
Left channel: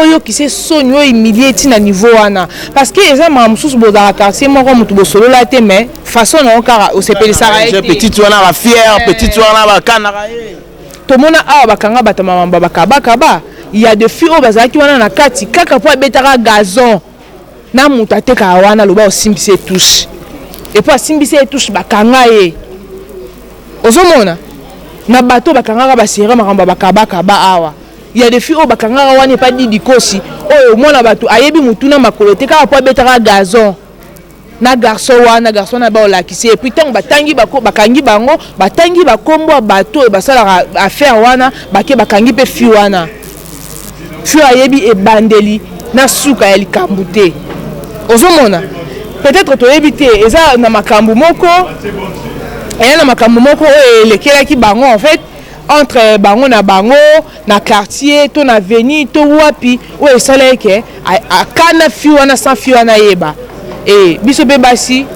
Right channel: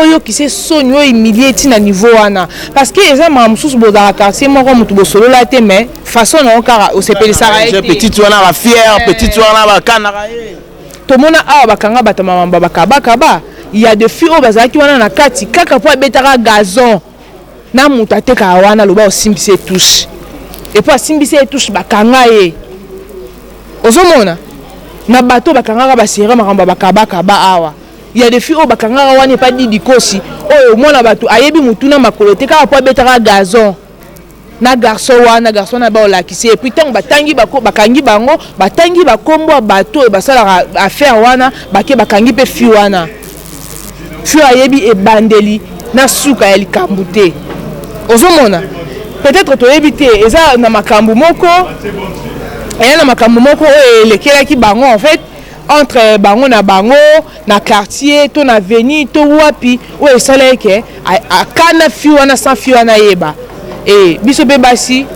oyo qui se sonyo humilier tina niveau wana parce que eza mamsusu bozara quartier moko mutu bosolo la te mais façon na okara o sepeli sara petite wana ba fière petite wana ba kana to mona awa bakanga batama mamba bakaba il y a des filles au bazar qui wana na kati kaka po betaka gazon na mutu ateka wana loba osimbise touche et puis osimbise touche bakanga ye ozomona na bato bakanga ba sera makamba bakaba awa il y a des filles au bakanga wana pas dit dikosi oyo mona bato ayebi mutu na makolo te kaka po betaka gazon na garçon na ba olakisi et puis tant batangi bakangi bango batangi bakombo bato basala affaire wana bakangi pe fi wana fi ayebi e bandeli na suka ya likambu te ozomona peut-être to ebite eza na makambu moko lekelaki bango en fait entre bango na quartier to na avenue to wapi o esala ke akana fi wana sans fi wana yeba et biso be basi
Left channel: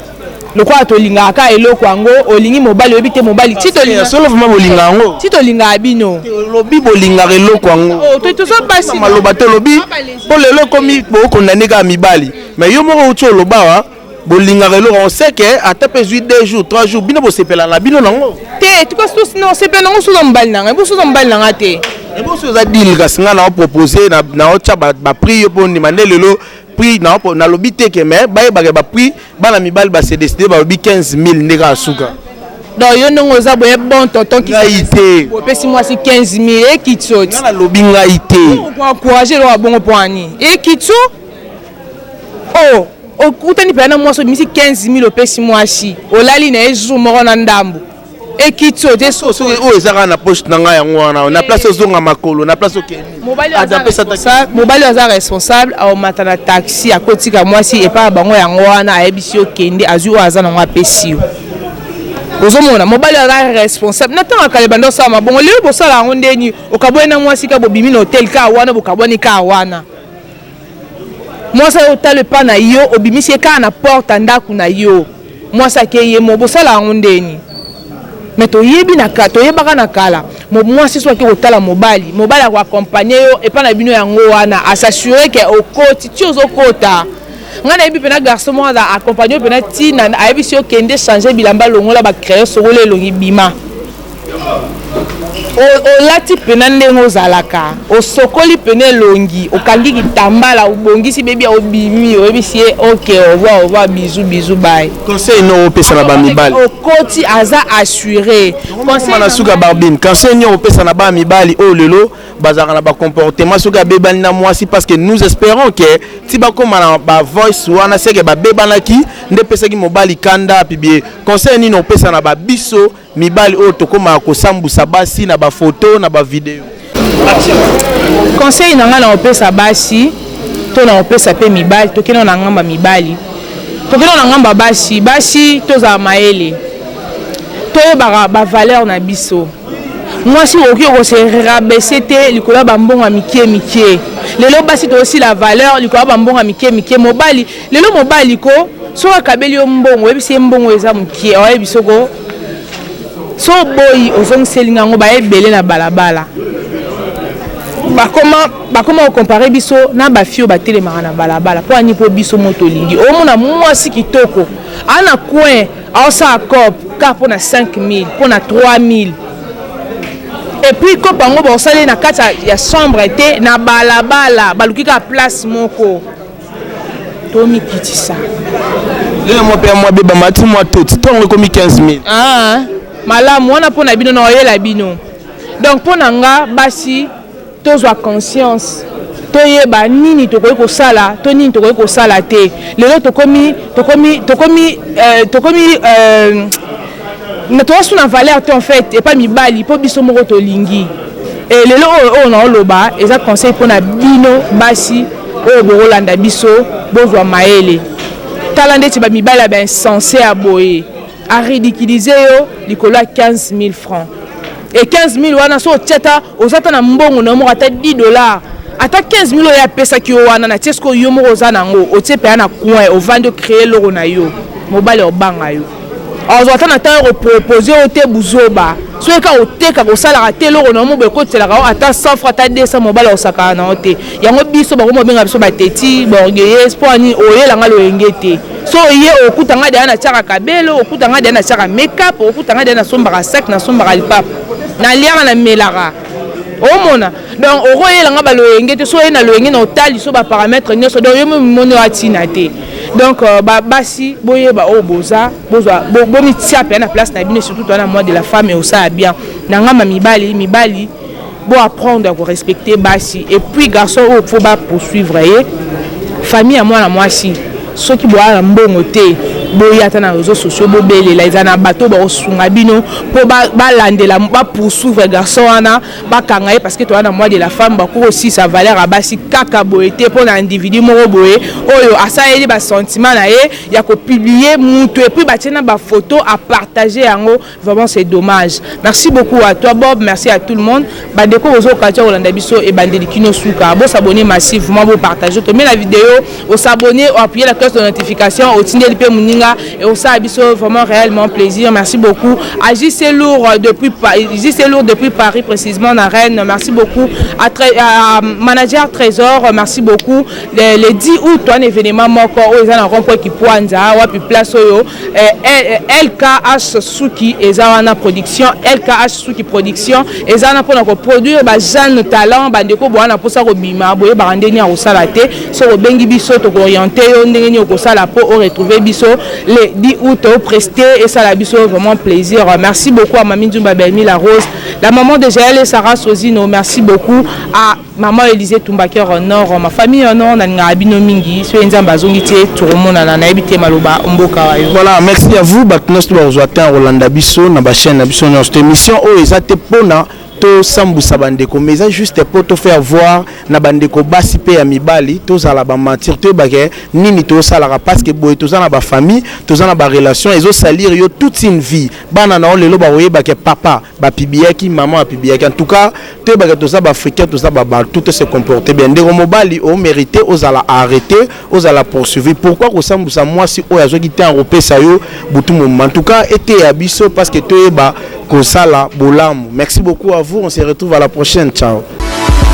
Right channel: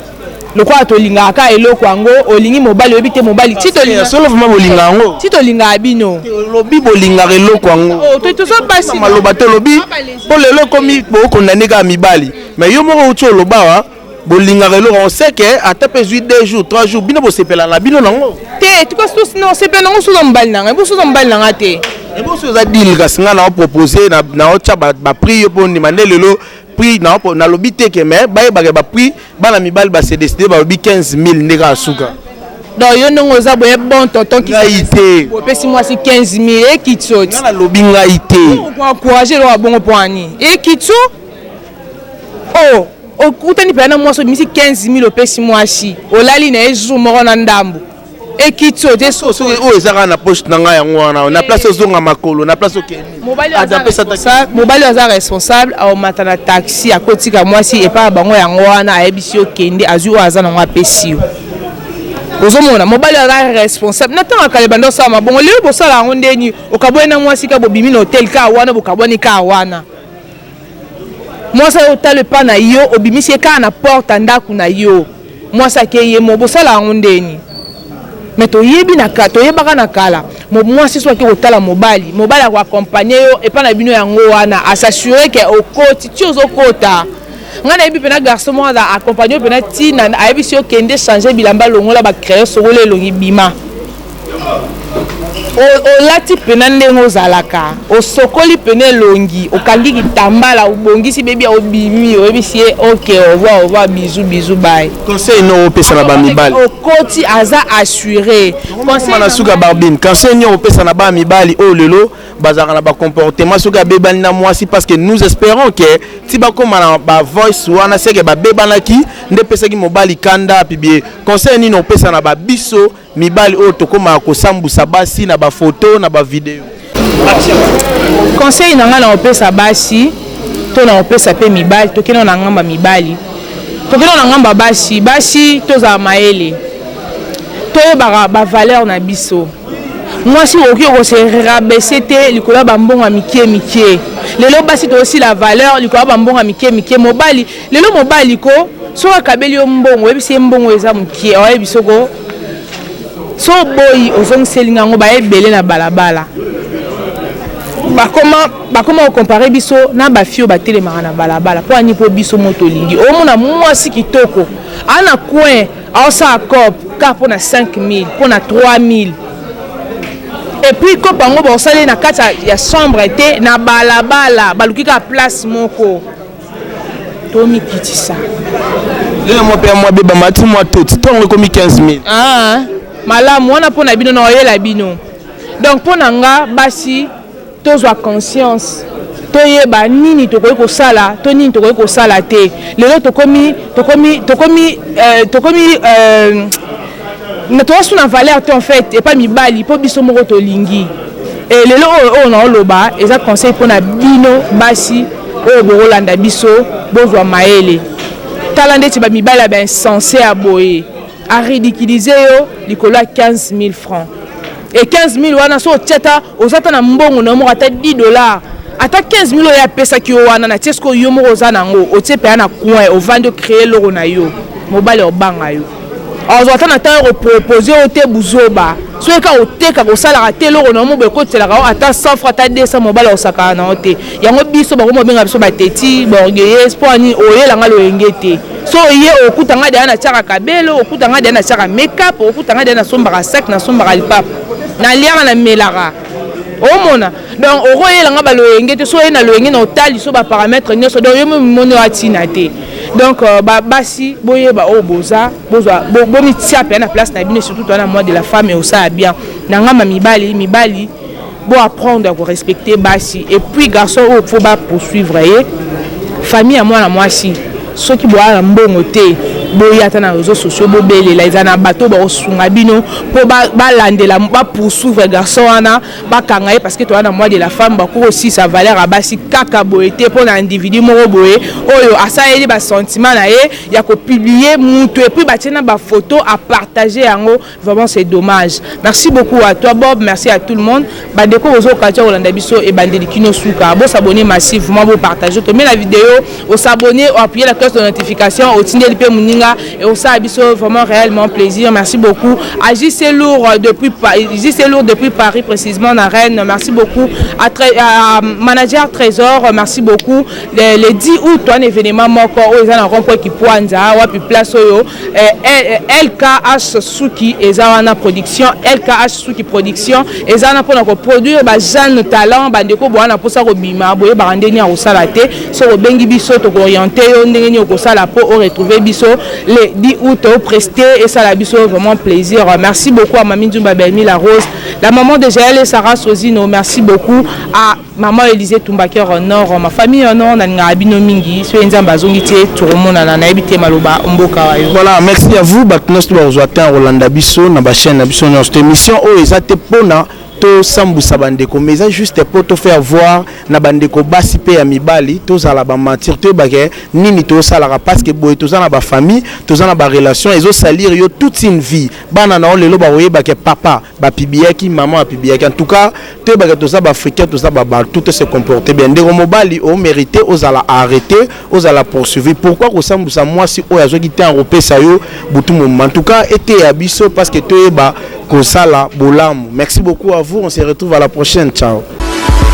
lokwa to linga ka eloko yango olingi mobali obite mobali tito linga solo vraiment bolinga yango tito linga abino lobi bolinga eloko yango to so basi maloba te lobi po lelo komi bo condamné ka mibali mais yo moko uti oloba wa bolinga eloko on sait que ata pe 2 jours 3 jours bino bo sepela na bino nango te tu ko non sepela nango so mbali nanga bo so mbali nanga te et bo so za deal ka singa na proposer na ocha ba prix yo po ni mandelelo prix na lobi te ke mais ba prix bana mibali ba se décider ba lobi 15000 ndeka asuka donc yo ndongo za boye bon tonton qui ngaité opesi moi si 15000 et kitso na lobi ngaité pour encourager lo bongo poani et kitso okutani pena moi so misi 15000 opesi moi si olali na ezu moko na ndambo et kitso te so o ezaka na poche na nga yango wana na place ozonga makolo na place okeni mobali aza responsable au matana taxi akotika mwasi et pas bango yango wana ayebisi okende azwi o aza nango apesi yo ozomona mobali aza responsable natanga kale bando sama bongo leo bosala yango ndeni okabwena mwasi ka bobimi na hotel ka wana bokabwani ka wana mwasi otale pa na yo obimisi ka na porte ndaku na yo mwasi akeye mo bosala yango ndeni mais toyebaka na kala mwasi so ake kotala mobali akoaccompagner yo epa na bino yango wana asasure ke okoti ti ozokota nga nayebi mpena garçon moko aza accompagner yo mpena ntina ayebisi okende changer bilamba longola bacrayon sokolo elongi bima olati pena ndenge ozalaka osokoli pene longi okangi kitambala obongisi bebi obimi oyebisi ye ok au revoir bisous bye conseil no opesa na ba mibali okoti aza assuré conseil na suka barbine conseil no opesa na ba mibali o lelo bazaka na ba comportement suka bebani na mwasi parce que nous espérons que ti ba koma na ba voice wana seke ba bebanaki nde pesa ki mobali kanda pibie conseil ni no opesa na ba biso mibali o tokoma ko sambusa basi na ba photo na ba video conseil nanga na opesa basi to na opesa pe mibali to kino na ngamba mibali to kino na ngamba basi toza maele to ba valeur na biso mwasi oki ko se rabaisser te likolo ba mbonga mikie lelo basi to aussi la valeur likolo ba mbonga mikie mobali lelo mobali ko so akabeli mbongo ebisi mbongo eza mukie o ebisoko so boyi ozongselinga ngo ba ebele na balabala bakoma comparer biso na ba fio ba telemaka na balabala po ani po biso moto lingi omona mwasi kitoko ana coin aosa cop ka po na 5000 po na 3000 et puis ko bango ba osale na kati ya chambre te na balabala balukika place moko tomi kitisa le mo pe mo beba mati mo tot tongo komi 15000 malamu wana po na bino na oyela bino donc po na nga basi tozwa conscience toyeba nini tokoki kosala to nini tokoki kosala te lelo tokomi na toasu na valeur te en fait et pas mibali po biso moko tolingi et lelo oyo na oloba eza conseil po na bino basi oyo bokolanda biso bozwa maele tala ndeti ba mibali ya insensé à boye à ridiculiser yo likolo 15 000 francs et 15 000 wana so tiata ozata na mbongo na mo ata $10 ata 15 000 ya pesa ki wana na tiesko yo mo ozana ngo otiepe na coin au vendre créer loro na yo mobile obanga yo ozata na temps proposer o te buzoba so eka oteka ko sala te loro na mo be ko tsela ka ata 100 francs ata 200 mobile osaka na ote yango biso ba ko mo benga biso ba teti borgueilles pour ni oyela ngalo engete so ye okutanga de na tsaka kabelo okutanga de na tsaka makeup okutanga de na sombaka sac na sombaka lipap na lianga na melara omona donc okoyela nga baloyenge te so ye na loyenge na otali so ba paramètre nyonso donc yo moni atina te donc basi boyeba o boza bozwa bomitia pe na place na bino surtout toi na moi de la femme et au ça bien na ngamba mibali bo apprendre à respecter basi et puis garçon il faut pas poursuivre famille à moi na moi si ceux qui boivent mbongo te boyata na réseaux sociaux bobelela ezana bato ba osunga bino po ba landela ba poursuivre garçon wana ba kangaye parce que toi na moi de la femme ba ko aussi sa valeur à basi kaka boyete pour un individu moko boye oyo asaeli ba sentiment na ye ya ko publier mutu et puis ba tena ba photo à partager yango vraiment c'est dommage. Merci beaucoup à toi Bob, merci à tout le monde. Ba deko ozo katia Olanda biso et bandeli kino suka bo s'abonner massivement bo partager to met la vidéo au s'abonner ou appuyer la cloche de notification au tindeli pe muninga et au ça vraiment réellement plaisir. Merci beaucoup à JC Lourd depuis Paris précisément na Rennes. Merci beaucoup à manager Trésor, merci beaucoup les 10 août un événement moko aux en rond-point qui poinza wa puis place oyo LKH Suki ezana production LKH Suki production ezana pour ko produire ba jeune talent bandeko boana pour ça ko bima boye ba ndeni a osala te so ko bengi biso to orienter yo ndenge ni ko sala pour retrouver biso les 10 août au presté et ça la biso vraiment plaisir. Merci beaucoup à Mami Nzumba Belmi la Rose, la maman de Jaël et Sarah Sozino. Merci beaucoup à maman Élisée Tumbaker en or, ma famille en or, na abino mingi, so nzamba zongiti tout le monde na ebité maloba mboka wayo. Voilà, merci à vous. Baknos to ozwata Rolanda biso na ba chaîne na biso na cette émission o ezate pona to sambusa bandeko mais ça juste pour te faire voir na bandeko basi pe ya mibali to za la ba mentir te bagé nini to salara parce que boy to za na ba famille to za na ba relation ezo salir yo toute une vie bana na lelo ba oyeba ke papa ba pibiaki maman pibiaki en tout cas te bagé to za ba africain to za ba tout se comporter bien ndeko mobali o mérité aux ala arrêter aux ala poursuivre pourquoi ko sambusa moi si o yazo kité en repesa yo butu moment en tout cas été ya biso parce que to eba Kosala Bolam. Merci beaucoup à vous. On se retrouve à la prochaine. Ciao.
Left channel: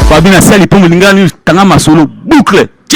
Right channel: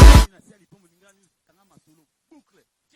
Fabina Sali pour Mulingani Tanga Masolo boucle.